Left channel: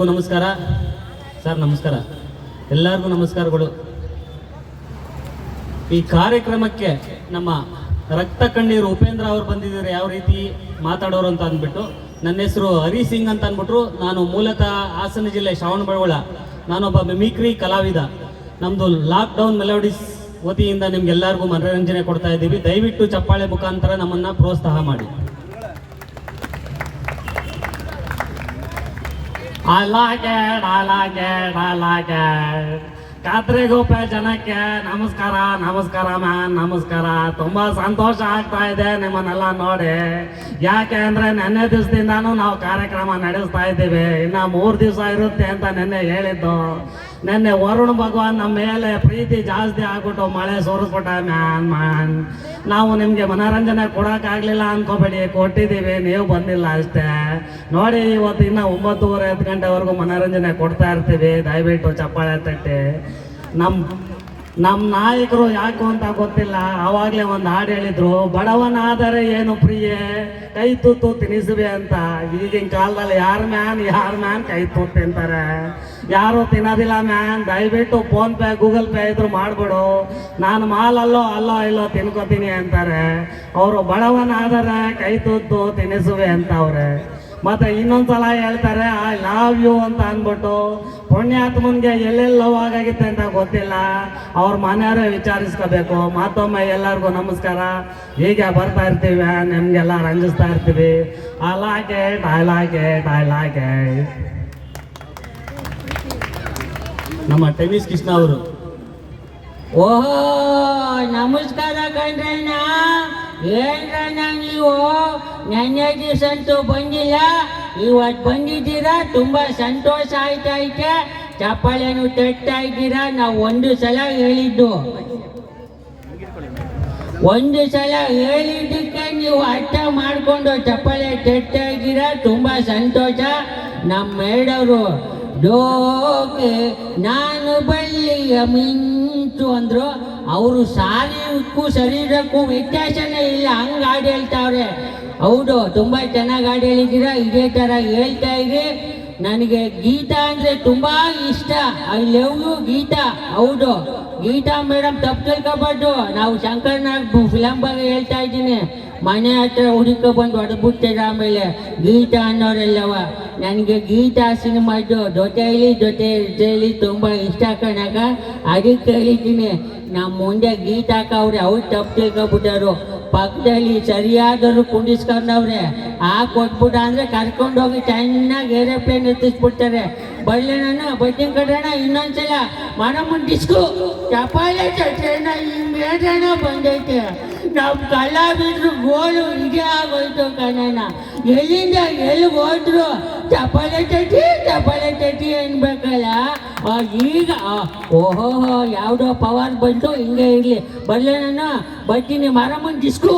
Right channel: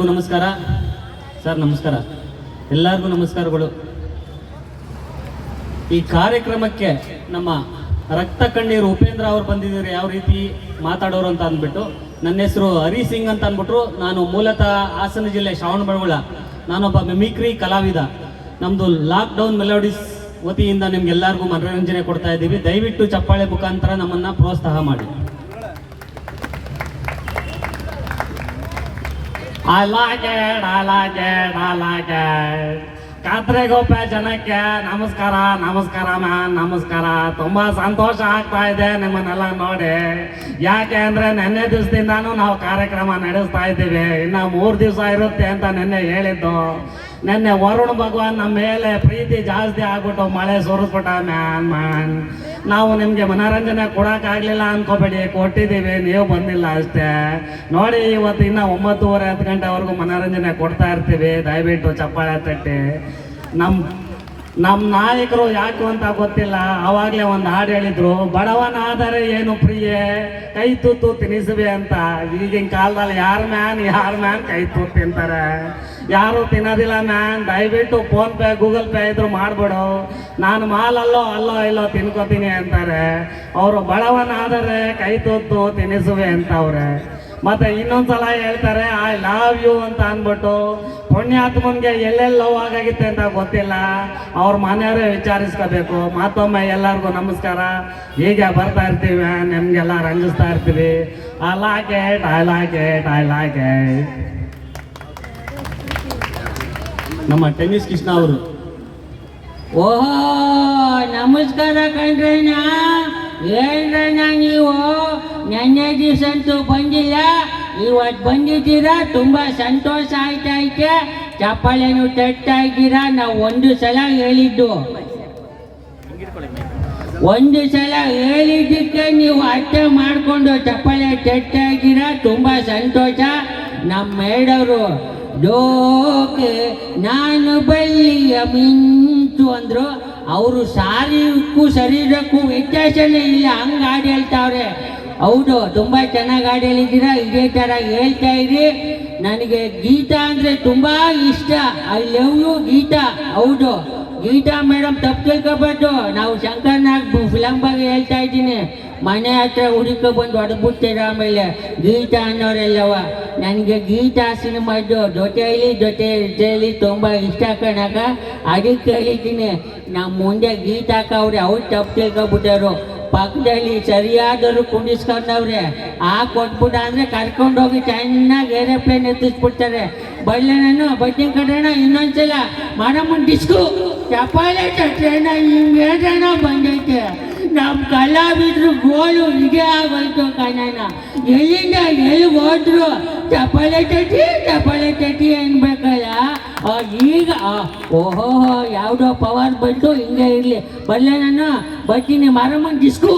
ಎಲ್ಲರಿಗೂ ನಮಸ್ಕಾರ ಸರ್. ನಮಸ್ಕಾರ, ಎಲ್ಲರಿಗೂ ನಮಸ್ಕಾರಗಳು. ಈ ಕಾರ್ಯಕ್ರಮಕ್ಕೆ ನಮ್ಮ ರಕ್ತ ಕಣ್ಣೀರು ಉಪೇಂದ್ರ ಅವರು ಬಂದಿದ್ದಾರೆ, ಯಾವ ರೀತಿ ಮಾತಾಡೋರು ಅಂತ ಅಂದ್ಬಿಟ್ಟು. ನನ್ನ ಹೆಸರು ಹರಿ ಸಿಂಗ್ ಅಂತ ಅಂದ್ಬಿಟ್ರು. ನಾನು ಮೂಲತಃ ಹಾಸನ ಜಿಲ್ಲೆ ಶ್ರವಣಬೆಳಗೊಳ. ನಾನೊಬ್ಬ ಮಿಮಿಕ್ರಿ ಕಲಾವಿದ. ನಮ್ಮದು ಲಾಕ್ಡೌನ್ ಮೆಲೋಡಿಸ್ ವತಿಯಿಂದ ನಿಮ್ಗೆಲ್ಲರಿಗೂ ಮನರಂಜನೆ ಕೊಡ್ತಾ ಇದ್ದೀವಿ. ದಯವಿಟ್ಟು ಚಪ್ಪಾಳೆ ಮುಖಾಂತರ ನಮ್ಮನ್ನು ಪ್ರೋತ್ಸಾಹ ಮಾಡಿ. I like it. ಕಾತ್ರೆಗೋಪೆ ಜನಕ್ಕೆ ನಮಸ್ಕಾರ, ನಮಸ್ಕಾರ ಮ್ಯಾನ್, ನಮಸ್ಕಾರ. ತುಂಬ ಸಂತೋಷ ಆಗ್ತಾ ಇದೆ ನಿಮ್ಮನ್ನೆಲ್ಲ ನೋಡಿ. ಯಾಕೆ ಅಂದರೆ ನೆನ್ನೆ ದಿವಸದಿಂದಾನು ನಾವು ಕಾರ್ಯಕ್ರಮ ನಡೆಸ್ತಾ ಇದ್ದೀವಿ. ಇನ್ನು 3 ದಿವಸ ಇರುತ್ತೆ ಅಂತ ನೆನ್ನೆ ಹೇಳಿದ್ದು. ನೆನ್ನೆ ವರುಣ್ ಭಗವಾನ್ ನಮ್ಮ ಮೇಲೆ ಪ್ರೀತಿ ಜಾಸ್ತಿ ಆಗ್ಬಿಟ್ಟು ಮಳೆ ಸುರಿಸ್ಬಿಟ್ಟ ಮ್ಯಾನ್. ನಾವು ನಿಮಗೆ ಮನೋರಂಜನೆ ಕೊಡೋಕ್ಕಾಗಲಿಲ್ಲ ಅಂದ್ಕೋಬೇಡಿ, ಕೊಟ್ಟಿದ್ದೀವಿ, ನೀವು ಬಂದಿಲ್ಲ ಅಷ್ಟೇ. ನೋಡಿ, ಇವತ್ತು ಇನ್ನೂ 9:30 10 ಗಂಟೆವರೆಗೂ ಮನೋರಂಜನೆ ಕೊಡ್ತಾ ಇರ್ತೀವಿ. ದಯವಿಟ್ಟು ಚಪ್ಪಾಳೆ ತಟ್ಟಿ. ನಮ್ಮ ನಾಯಕರು ಯಾಕು ಅಂತ ಗೊತ್ತಿಲ್ಲ, ಆವಾಗಲೇ ಒಂದು ಹಾಡು ಹೇಳಿದ್ರು, ಬಡವನಾದರೆ ಏನು ಪ್ರಿಯೆ ಕೈ ತೂತು ತಿನ್ನಿಸುವೆ ಅಂತ. ಈಗಿನ ಕಾಲದಲ್ಲಿ ಯಾರು ಮ್ಯಾನ್ ಕೈ ತೂತು ತಿಂತಾರೆ? ಯಾರು ತಿನ್ನೋದಿಲ್ಲ ಮ್ಯಾನ್. ದಯವಿಟ್ಟು ಫೋನ್ ಪೇ ಗೂಗಲ್ ಪೇ ಇದ್ರು ಮಾಡ್ಬಿಡು. ನಾನು ಮಾಲಲ್ಲೋ ಇಲ್ಲೋ ತಿನ್ಕೋತೀನಿ ಅಂತಾರೆ. ಅವರು ಬಡವನಾದರೆ ಕೈ ತೂತು ತಿನ್ನಿಸುವೆ ಅಂತವ್ರೆ. ಮತ್ತೆ ಇನ್ನೊಂದ್ಸಲ ಹೇಳ್ತಾರೆ ಐ ಲವ್ ಯು ಅಂತ ಅಂದ್ಬಿಟ್ಟು. ಪುಣ್ಯಾತ್ಮನ್ಗೆ ಎಲ್ಲೆಲ್ಲಿ ಲವ್ ಆಗಾಗಿತ್ತೆ ಅಂತ ಗೊತ್ತಿಲ್ಲ, ಅವ್ರ ಮನೆಯವರೇ ವಿಚಾರಿಸ್ಕೋಬೇಕು. ಮತ್ತೊಮ್ಮೆ ಎಲ್ಲರಿಗೂ ನಮಸ್ಕಾರ. ಹೀಗೆ ಬರ್ತಾ ಇರ್ತೀವಿ, ನಿಮ್ಗೆಲ್ಲ ರಂಜಿಸ್ತಾ ಇರ್ತೀವಿ. I like it. ನಮ್ಮ ಟೆನ್ನಿಸ್ ಕೃಷ್ಣ ಅವರು. ಓಹೋ, ನಮಸ್ಕಾರ ಕಣ್ರಣ್ಣ. ಹೇಳ್ರಣ್ಣ, ನೀವು ನೆನ್ನೆ ದಿವಸ ಅಂತೂ ಬಂದಿಲ್ಲ, ಇವತ್ತು ಬಂದಿದ್ದೀರಾ. ತುಂಬ ಸಂತೋಷ ಆಯ್ತೈತೆ. ಚಪ್ಪಾಳೆನು ತಟ್ತಾ ಇದ್ದೀರಾ. ನಾವು ಒಂದು ಸಲ ಹೇಳಿದ್ದಕ್ಕೆ ನೀವು ಅರ್ಥ ಮಾಡಿಕೊಂಡು ಚಪ್ಪಾಳೆ ತಟ್ತಾ ಇದ್ದೀರಾ. ತುಂಬ ಸಂತೋಷ. ನಮ್ಮ ಮೇಡವರು ಡೋಕೆ ನಾನು ಬಳ್ಳಿಯ ಮಿಂಚು ಅಂದರು. ಅವರು ಶಾರೀರಿಕಕ್ಕೂ ಶರೀರಕ್ಕೂ ವ್ಯತ್ಯಾಸನೇ ಇಲ್ಲ, ಹಂಗೆ ಹಾಡು ಹೇಳ್ತಾವ್ರೆ. ಹೌದು, ತುಂಬ ಚೆನ್ನಾಗಿ ಹಾಡು ಹೇಳಿದ್ದೀರಾ. ಇದೇ ಥರ ಹೇಳ್ತಾ ಇರಿ. ನನಗೆ ಗೀತಾ ಅಂದರೆ ತುಂಬ ಇಷ್ಟ. I love you Geetha. ಹೌದು, ಗೀತಾ ಮೇಡಮ್ ತಪ್ಪು ತಿಳ್ಕೊಬಾರ್ದು. ನಾವು ಶಂಕರ್ನಾಗ್ ಫಿಲಮ್ ಬಗ್ಗೆ ಹೇಳ್ತಾ ಇದ್ದೀನಿ. ಮನೆ ಹತ್ರ ಹುಡುಕ ಬಂದು ಹೊಡೆದ್ಬಿಡ್ತೀರ ಆಮೇಲೆ ಗೀತಾ ಅನ್ನೋರೆಲ್ಲವ. ನನಗೆ ಗೀತಾ ಸಿನಿಮಾದ್ದು ಜೊತೆಯಲ್ಲಿ ತುಂಬ ಇಷ್ಟ ಕಣಕ. ಅದಕ್ಕೆ ಹೇಳಿದ್ದೀನಿ, ನಮ್ಮ ಮುಂದೆ ಗೀತಾಕ ಅವ್ರೆ, ಅವ್ರು ತಪ್ಪು ತಿಳ್ಕೊಬಿಟ್ಟಾರು. ಪಕ್ಕದಲ್ಲಿ ಸರಿಯಾದವರು ಕುಂಡಿಸ್ಕೊಂಡವ್ರೆ. ಕೊಟ್ಬಿಟ್ಟ ಅಂದರೆ ಕರ್ಕೊಂಡೋಗಿ ಚೆನ್ನಾಗಿ ಏರೋಪ್ಲೇನ್ ಎತ್ತಿಸ್ಬಿಡ್ತಾರೆ. ಬಳ್ಳೆ ನಾನು ಬಡ್ಡಿನ ಕಟ್ಟೋಣ. ಇನ್ನೊಂದ್ಸಲ ಮಾಡಮ್ಮನ್ ಡಿಸ್ಕು ಚಪ್ಪಾಳೆ ಚಟ್ರೇನ ಹಿಂಗೆ ಹೇಳ್ರಣ ಬಂದೈತೆ. ನಮ್ಮ ಕಲಾವಿದ್ರು ಗೋಲು ಇದೇ ಆಗೋಯ್ತು ಕಣಣ್ಣ. ಎಲ್ಲಿಂದ ಎಲ್ಲಿ ಹೋದ್ರು ಚಪ್ಪಾಳೆ ತಟ್ಟಿ ಅನ್ಬೇಕಲ್ಲ. ಈಗ ಓಹೋ ಯಾವುದೋ ಪವರ್ ಬಂತು. ಹಿಂಗೆ ಇರಲಿ. ಬಲ್ಲೆ ನಾನು ಬರ್ತೀನಿ. ಮಾರಮ್ಮನ್ ಡಿಸ್ಕು.